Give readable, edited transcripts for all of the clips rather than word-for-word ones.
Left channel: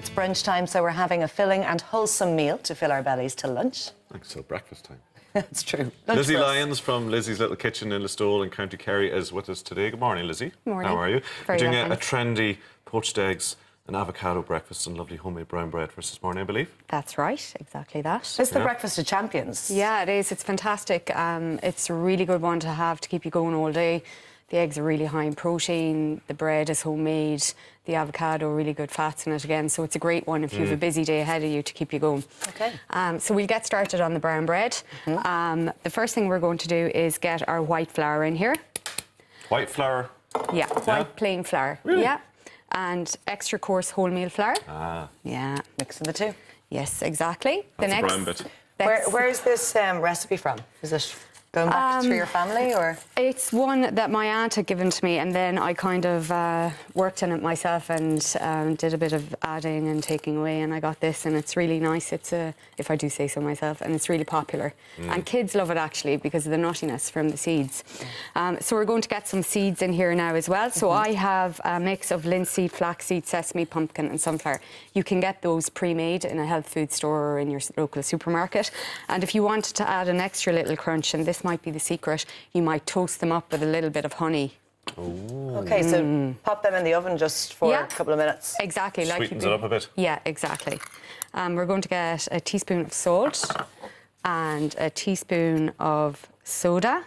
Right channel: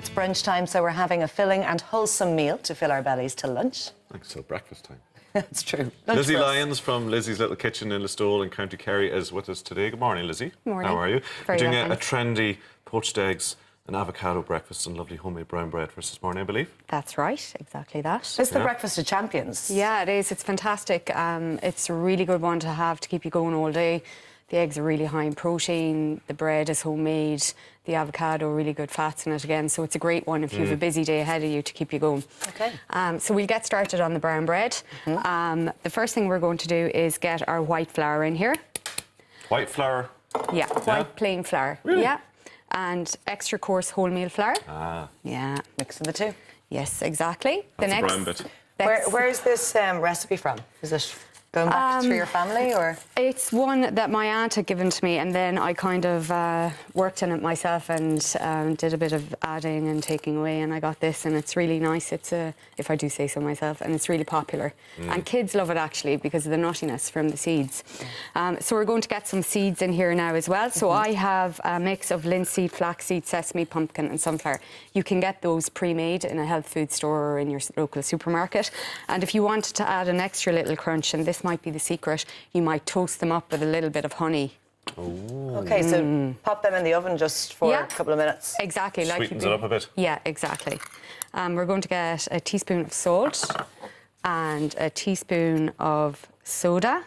It's brunch time, so we're having a filling and wholesome meal to fill our bellies till lunch. Thanks, so breakfast time. That's true. Lizzy Lyons from Lizzy's Little Kitchen in Listowel in County Kerry is with us today. Good morning, Lizzy. Morning. How are you? Very You're doing well, a trendy poached eggs and avocado breakfast and lovely homemade brown bread for us this morning, I believe. That's right, exactly that. It's the breakfast of champions. Yeah, it is. It's fantastic. It's a really good one to have to keep you going all day. The eggs are really high in protein. The bread is homemade. The avocado, really good fats in it again. So it's a great one if you have a busy day ahead of you to keep you going. Okay. So we'll get started on the brown bread. The first thing we're going to do is get our white flour in here. White flour. Yeah, white plain flour. Really? Yeah. And extra coarse wholemeal flour. Ah. Yeah. Mixing the two. Yes, exactly. That's the brown bit. Where is this recipe from? Is it going back through your family, or? It's one that my aunt had given to me, and then I kind of worked on it myself and did a bit of adding and taking away, and I got this, and it's really nice. It's if I do say so myself, and it's really popular. And kids love it actually because of the nuttiness from the seeds. So we're going to get some seeds in here now as well. So I have a mix of linseed, flaxseed, sesame, pumpkin and sunflower. You can get those pre-made in a health food store or in your local supermarket. And if you wanted to add an extra little crunch, and this might be the secret, you might toast them up with a little bit of honey. Oh. Okay, so pop them in the oven just for a couple of minutes. Exactly. Sweetens it up a bit. Yeah, exactly. We're going to get a teaspoon of salt and a teaspoon of soda,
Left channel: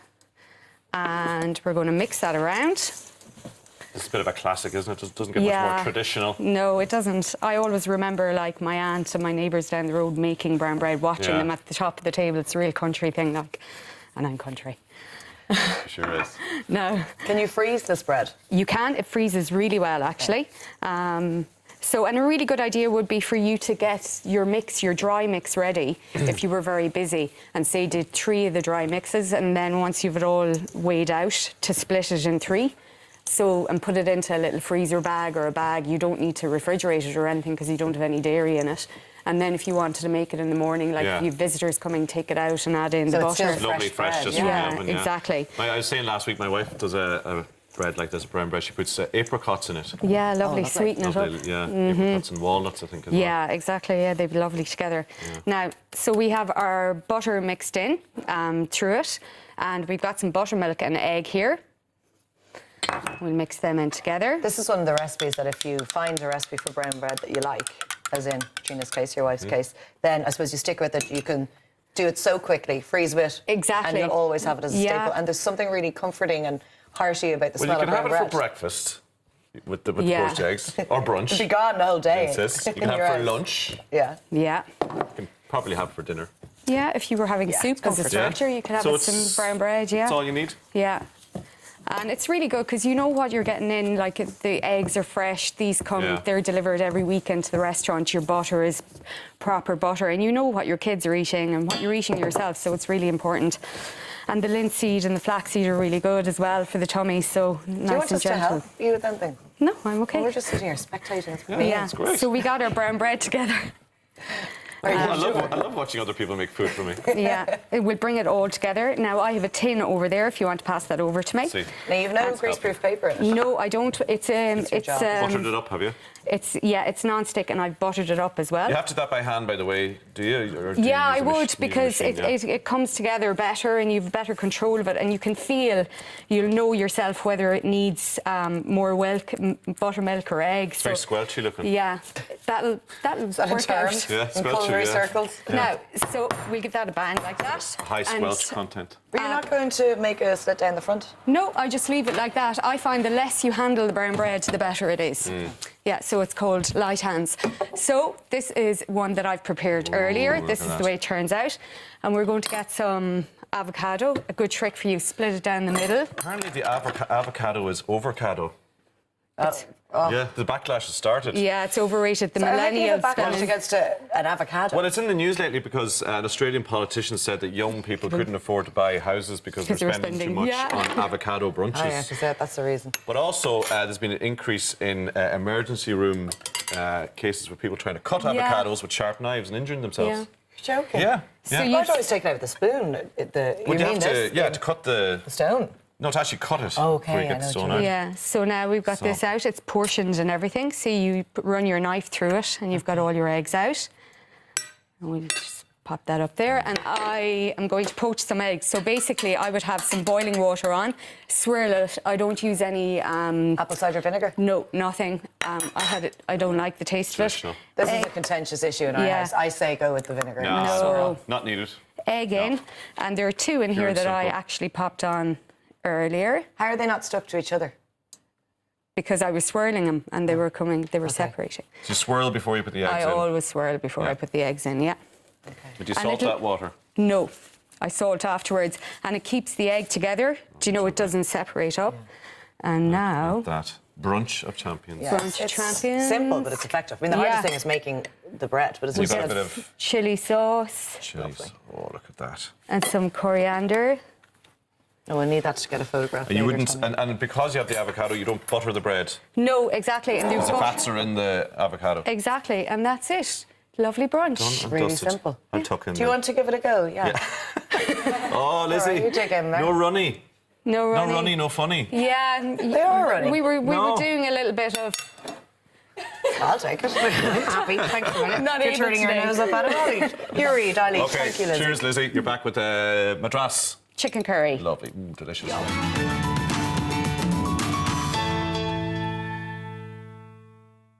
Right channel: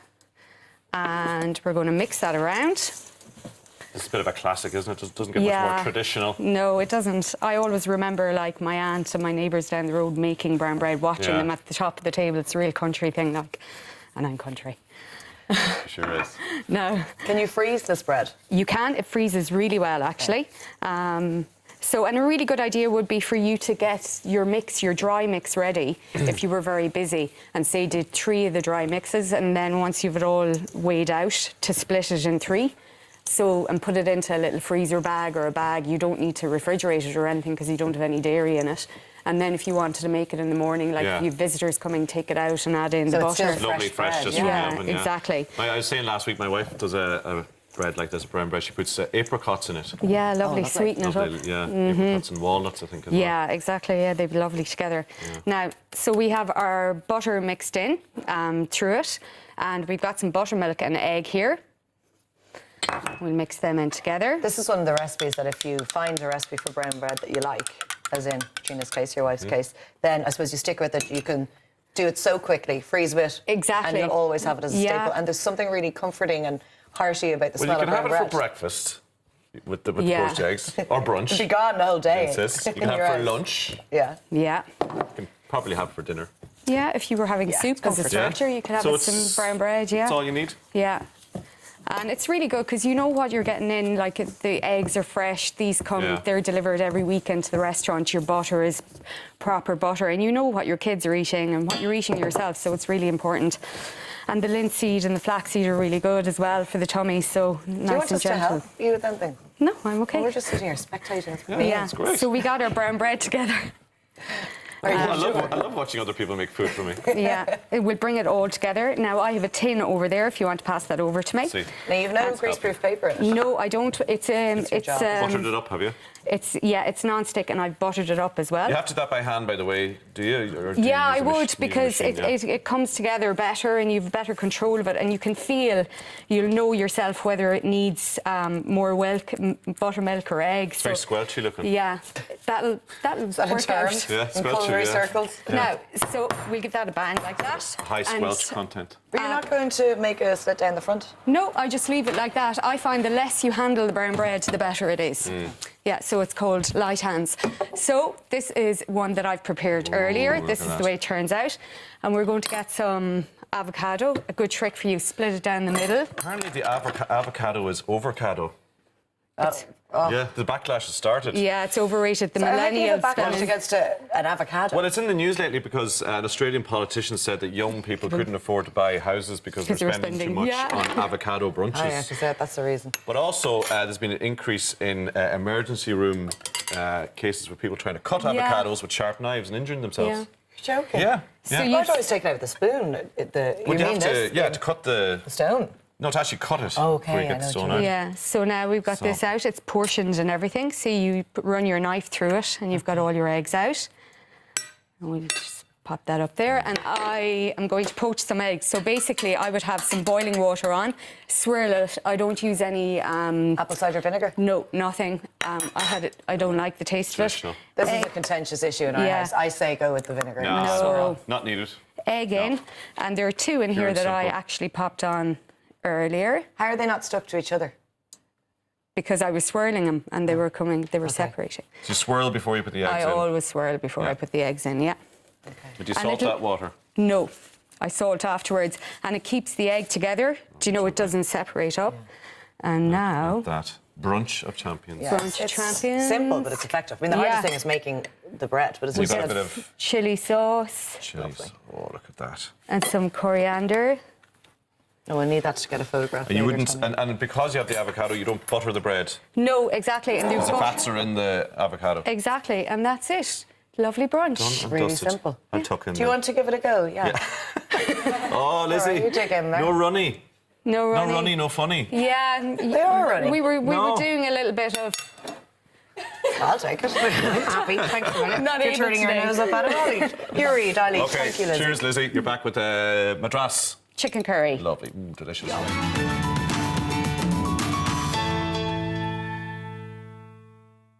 and we're going to mix that around. It's a bit of a classic, isn't it? It doesn't get much more traditional. No, it doesn't. I always remember, like, my aunt and my neighbours down the road making brown bread, watching them at the top of the table. It's a real country thing, like, and I'm country. It sure is. No. Can you freeze this bread? You can. It freezes really well, actually. And a really good idea would be for you to get your mix, your dry mix ready if you were very busy, and say did 3 of the dry mixes, and then once you've it all weighed out, to split it in 3. So, and put it into a little freezer bag or a bag. You don't need to refrigerate it or anything because you don't have any dairy in it. And then if you wanted to make it in the morning, like if you have visitors coming, take it out and add in the butter. It's lovely, fresh, just from the oven. Exactly. I was saying last week, my wife does a bread like this, a brown bread. She puts apricots in it. Yeah, lovely. Sweeten it up. Yeah, apricots and walnuts, I think, as well. Yeah, exactly. Yeah, they'd be lovely together. Now, so we have our butter mixed in through it, and we've got some buttermilk and egg here. We'll mix them in together. This is one of the recipes that if you find a recipe for brown bread that you like, as in Gina's case, your wife's case, then I suppose you stick with it. You can do it so quickly, freeze it. Exactly. And you'll always have it as a staple. And there's something really comforting and hearty about the smell of brown bread. You can have it for breakfast with the poached eggs, or brunch. You'll be gone the whole day. You can have it for lunch. Yeah. Yeah. You can probably have it for dinner. Yeah, if you were having soup as a starter, you can have it some brown bread, That's all you need? Yeah. And it's really good because you know what you're getting in. Like, if the eggs are fresh, these come, they're delivered every weekend to the restaurant. Your butter is proper butter, and you know what your kids are eating and what you're eating yourself, so it's really important. And the linseed and the flaxseed are really good as well for the tummy, so nice and gentle. Do you want us to help you with anything? No, I'm okay. We're just sitting here spectating. Yeah, it's great. So we got our brown bread together. I love watching other people make food for me. Yeah, it will bring it all together. Now, I have a tin over there if you want to pass that over to me. Now, you've no greaseproof paper in it? No, I don't. It's buttered it up, have you? It's non-stick, and I've buttered it up as well. You have to do that by hand, by the way, do you? Or do you I would, because it comes together better, and you've better control of it, and you can feel, you'll know yourself whether it needs more buttermilk or eggs. It's very squelchy looking. Yeah, that'll Is that in work out. terms? Yeah, in culinary circles. Now, so we'll give that a bang like that. High squelch content. But you're not going to make a slit down the front? No, I just leave it like that. I find the less you handle the brown bread, the better it is. Yeah, so it's called light hands. So this is one that I've prepared earlier. This is the way it turns out. And we're going to get some avocado. A good trick for you, split it down the middle. Apparently the avocado is overcado. Yeah, the backlash has started. Yeah, it's overrated. The millennials. Backlash against an avocado. Well, it's in the news lately because an Australian politician said that young people couldn't afford to buy houses because they're spending too much on avocado brunches. Oh, yeah, she said that's the reason. But also, there's been an increase in emergency room cases where people trying to cut avocados with sharp knives and injuring themselves. You're joking? Yeah. So you've always taken out with a spoon. To cut the stone. No, to actually cut it Okay, before you I get the know what stone you out. mean. Yeah, so now we've got this out. It's portioned and everything. So you run your knife through it and you've got all your eggs out. And we'll just pop that up there. And I am going to poach some eggs. So basically, I would have some boiling water on, swirl it. I don't use any... Apple cider vinegar? no, nothing. I don't like the taste of it. Traditional. This is a contentious issue in our Yeah. house. I say go with the vinegar. No. Not needed. Egg in. And there are two in here and that I simple. actually popped on earlier How are they not stuck to each other? because I was swirling them and they were separating. So you swirl before you put the eggs I in. always swirl before I put the eggs in, yeah. Did you And salt it'll- that water? No, I salt afterwards, and it keeps the egg together. Do you know it doesn't separate up? And now, That brunch of champions. Yeah. Brunch It's champions. simple, but it's effective. I mean, the Yeah. hardest thing is making the bread, but it's We've just got a bit of chili sauce chilies. Oh, look at that. and some coriander. Oh, I need that to get a photograph. And you later, wouldn't, Tommy. and because you have the avocado, you don't butter the bread. No, exactly, and Because the fats are in the avocado. exactly, and that's it. Lovely brunch. Done. Really Dusted. simple. And tuck in Do you the- want to give it a go? Yeah. Oh, Lizzy. you dig in there. No runny. No No running. runny, no funny. Yeah, They are running. We were No. doing a little bit of I'll take it. Happy. Thanks for Not You're able turning your today. nose up at it, Ollie. You read, Ollie. Okay, Thank you, Lizzie. cheers, Lizzy. You're back with Madras. chicken curry. Lovely. Delicious.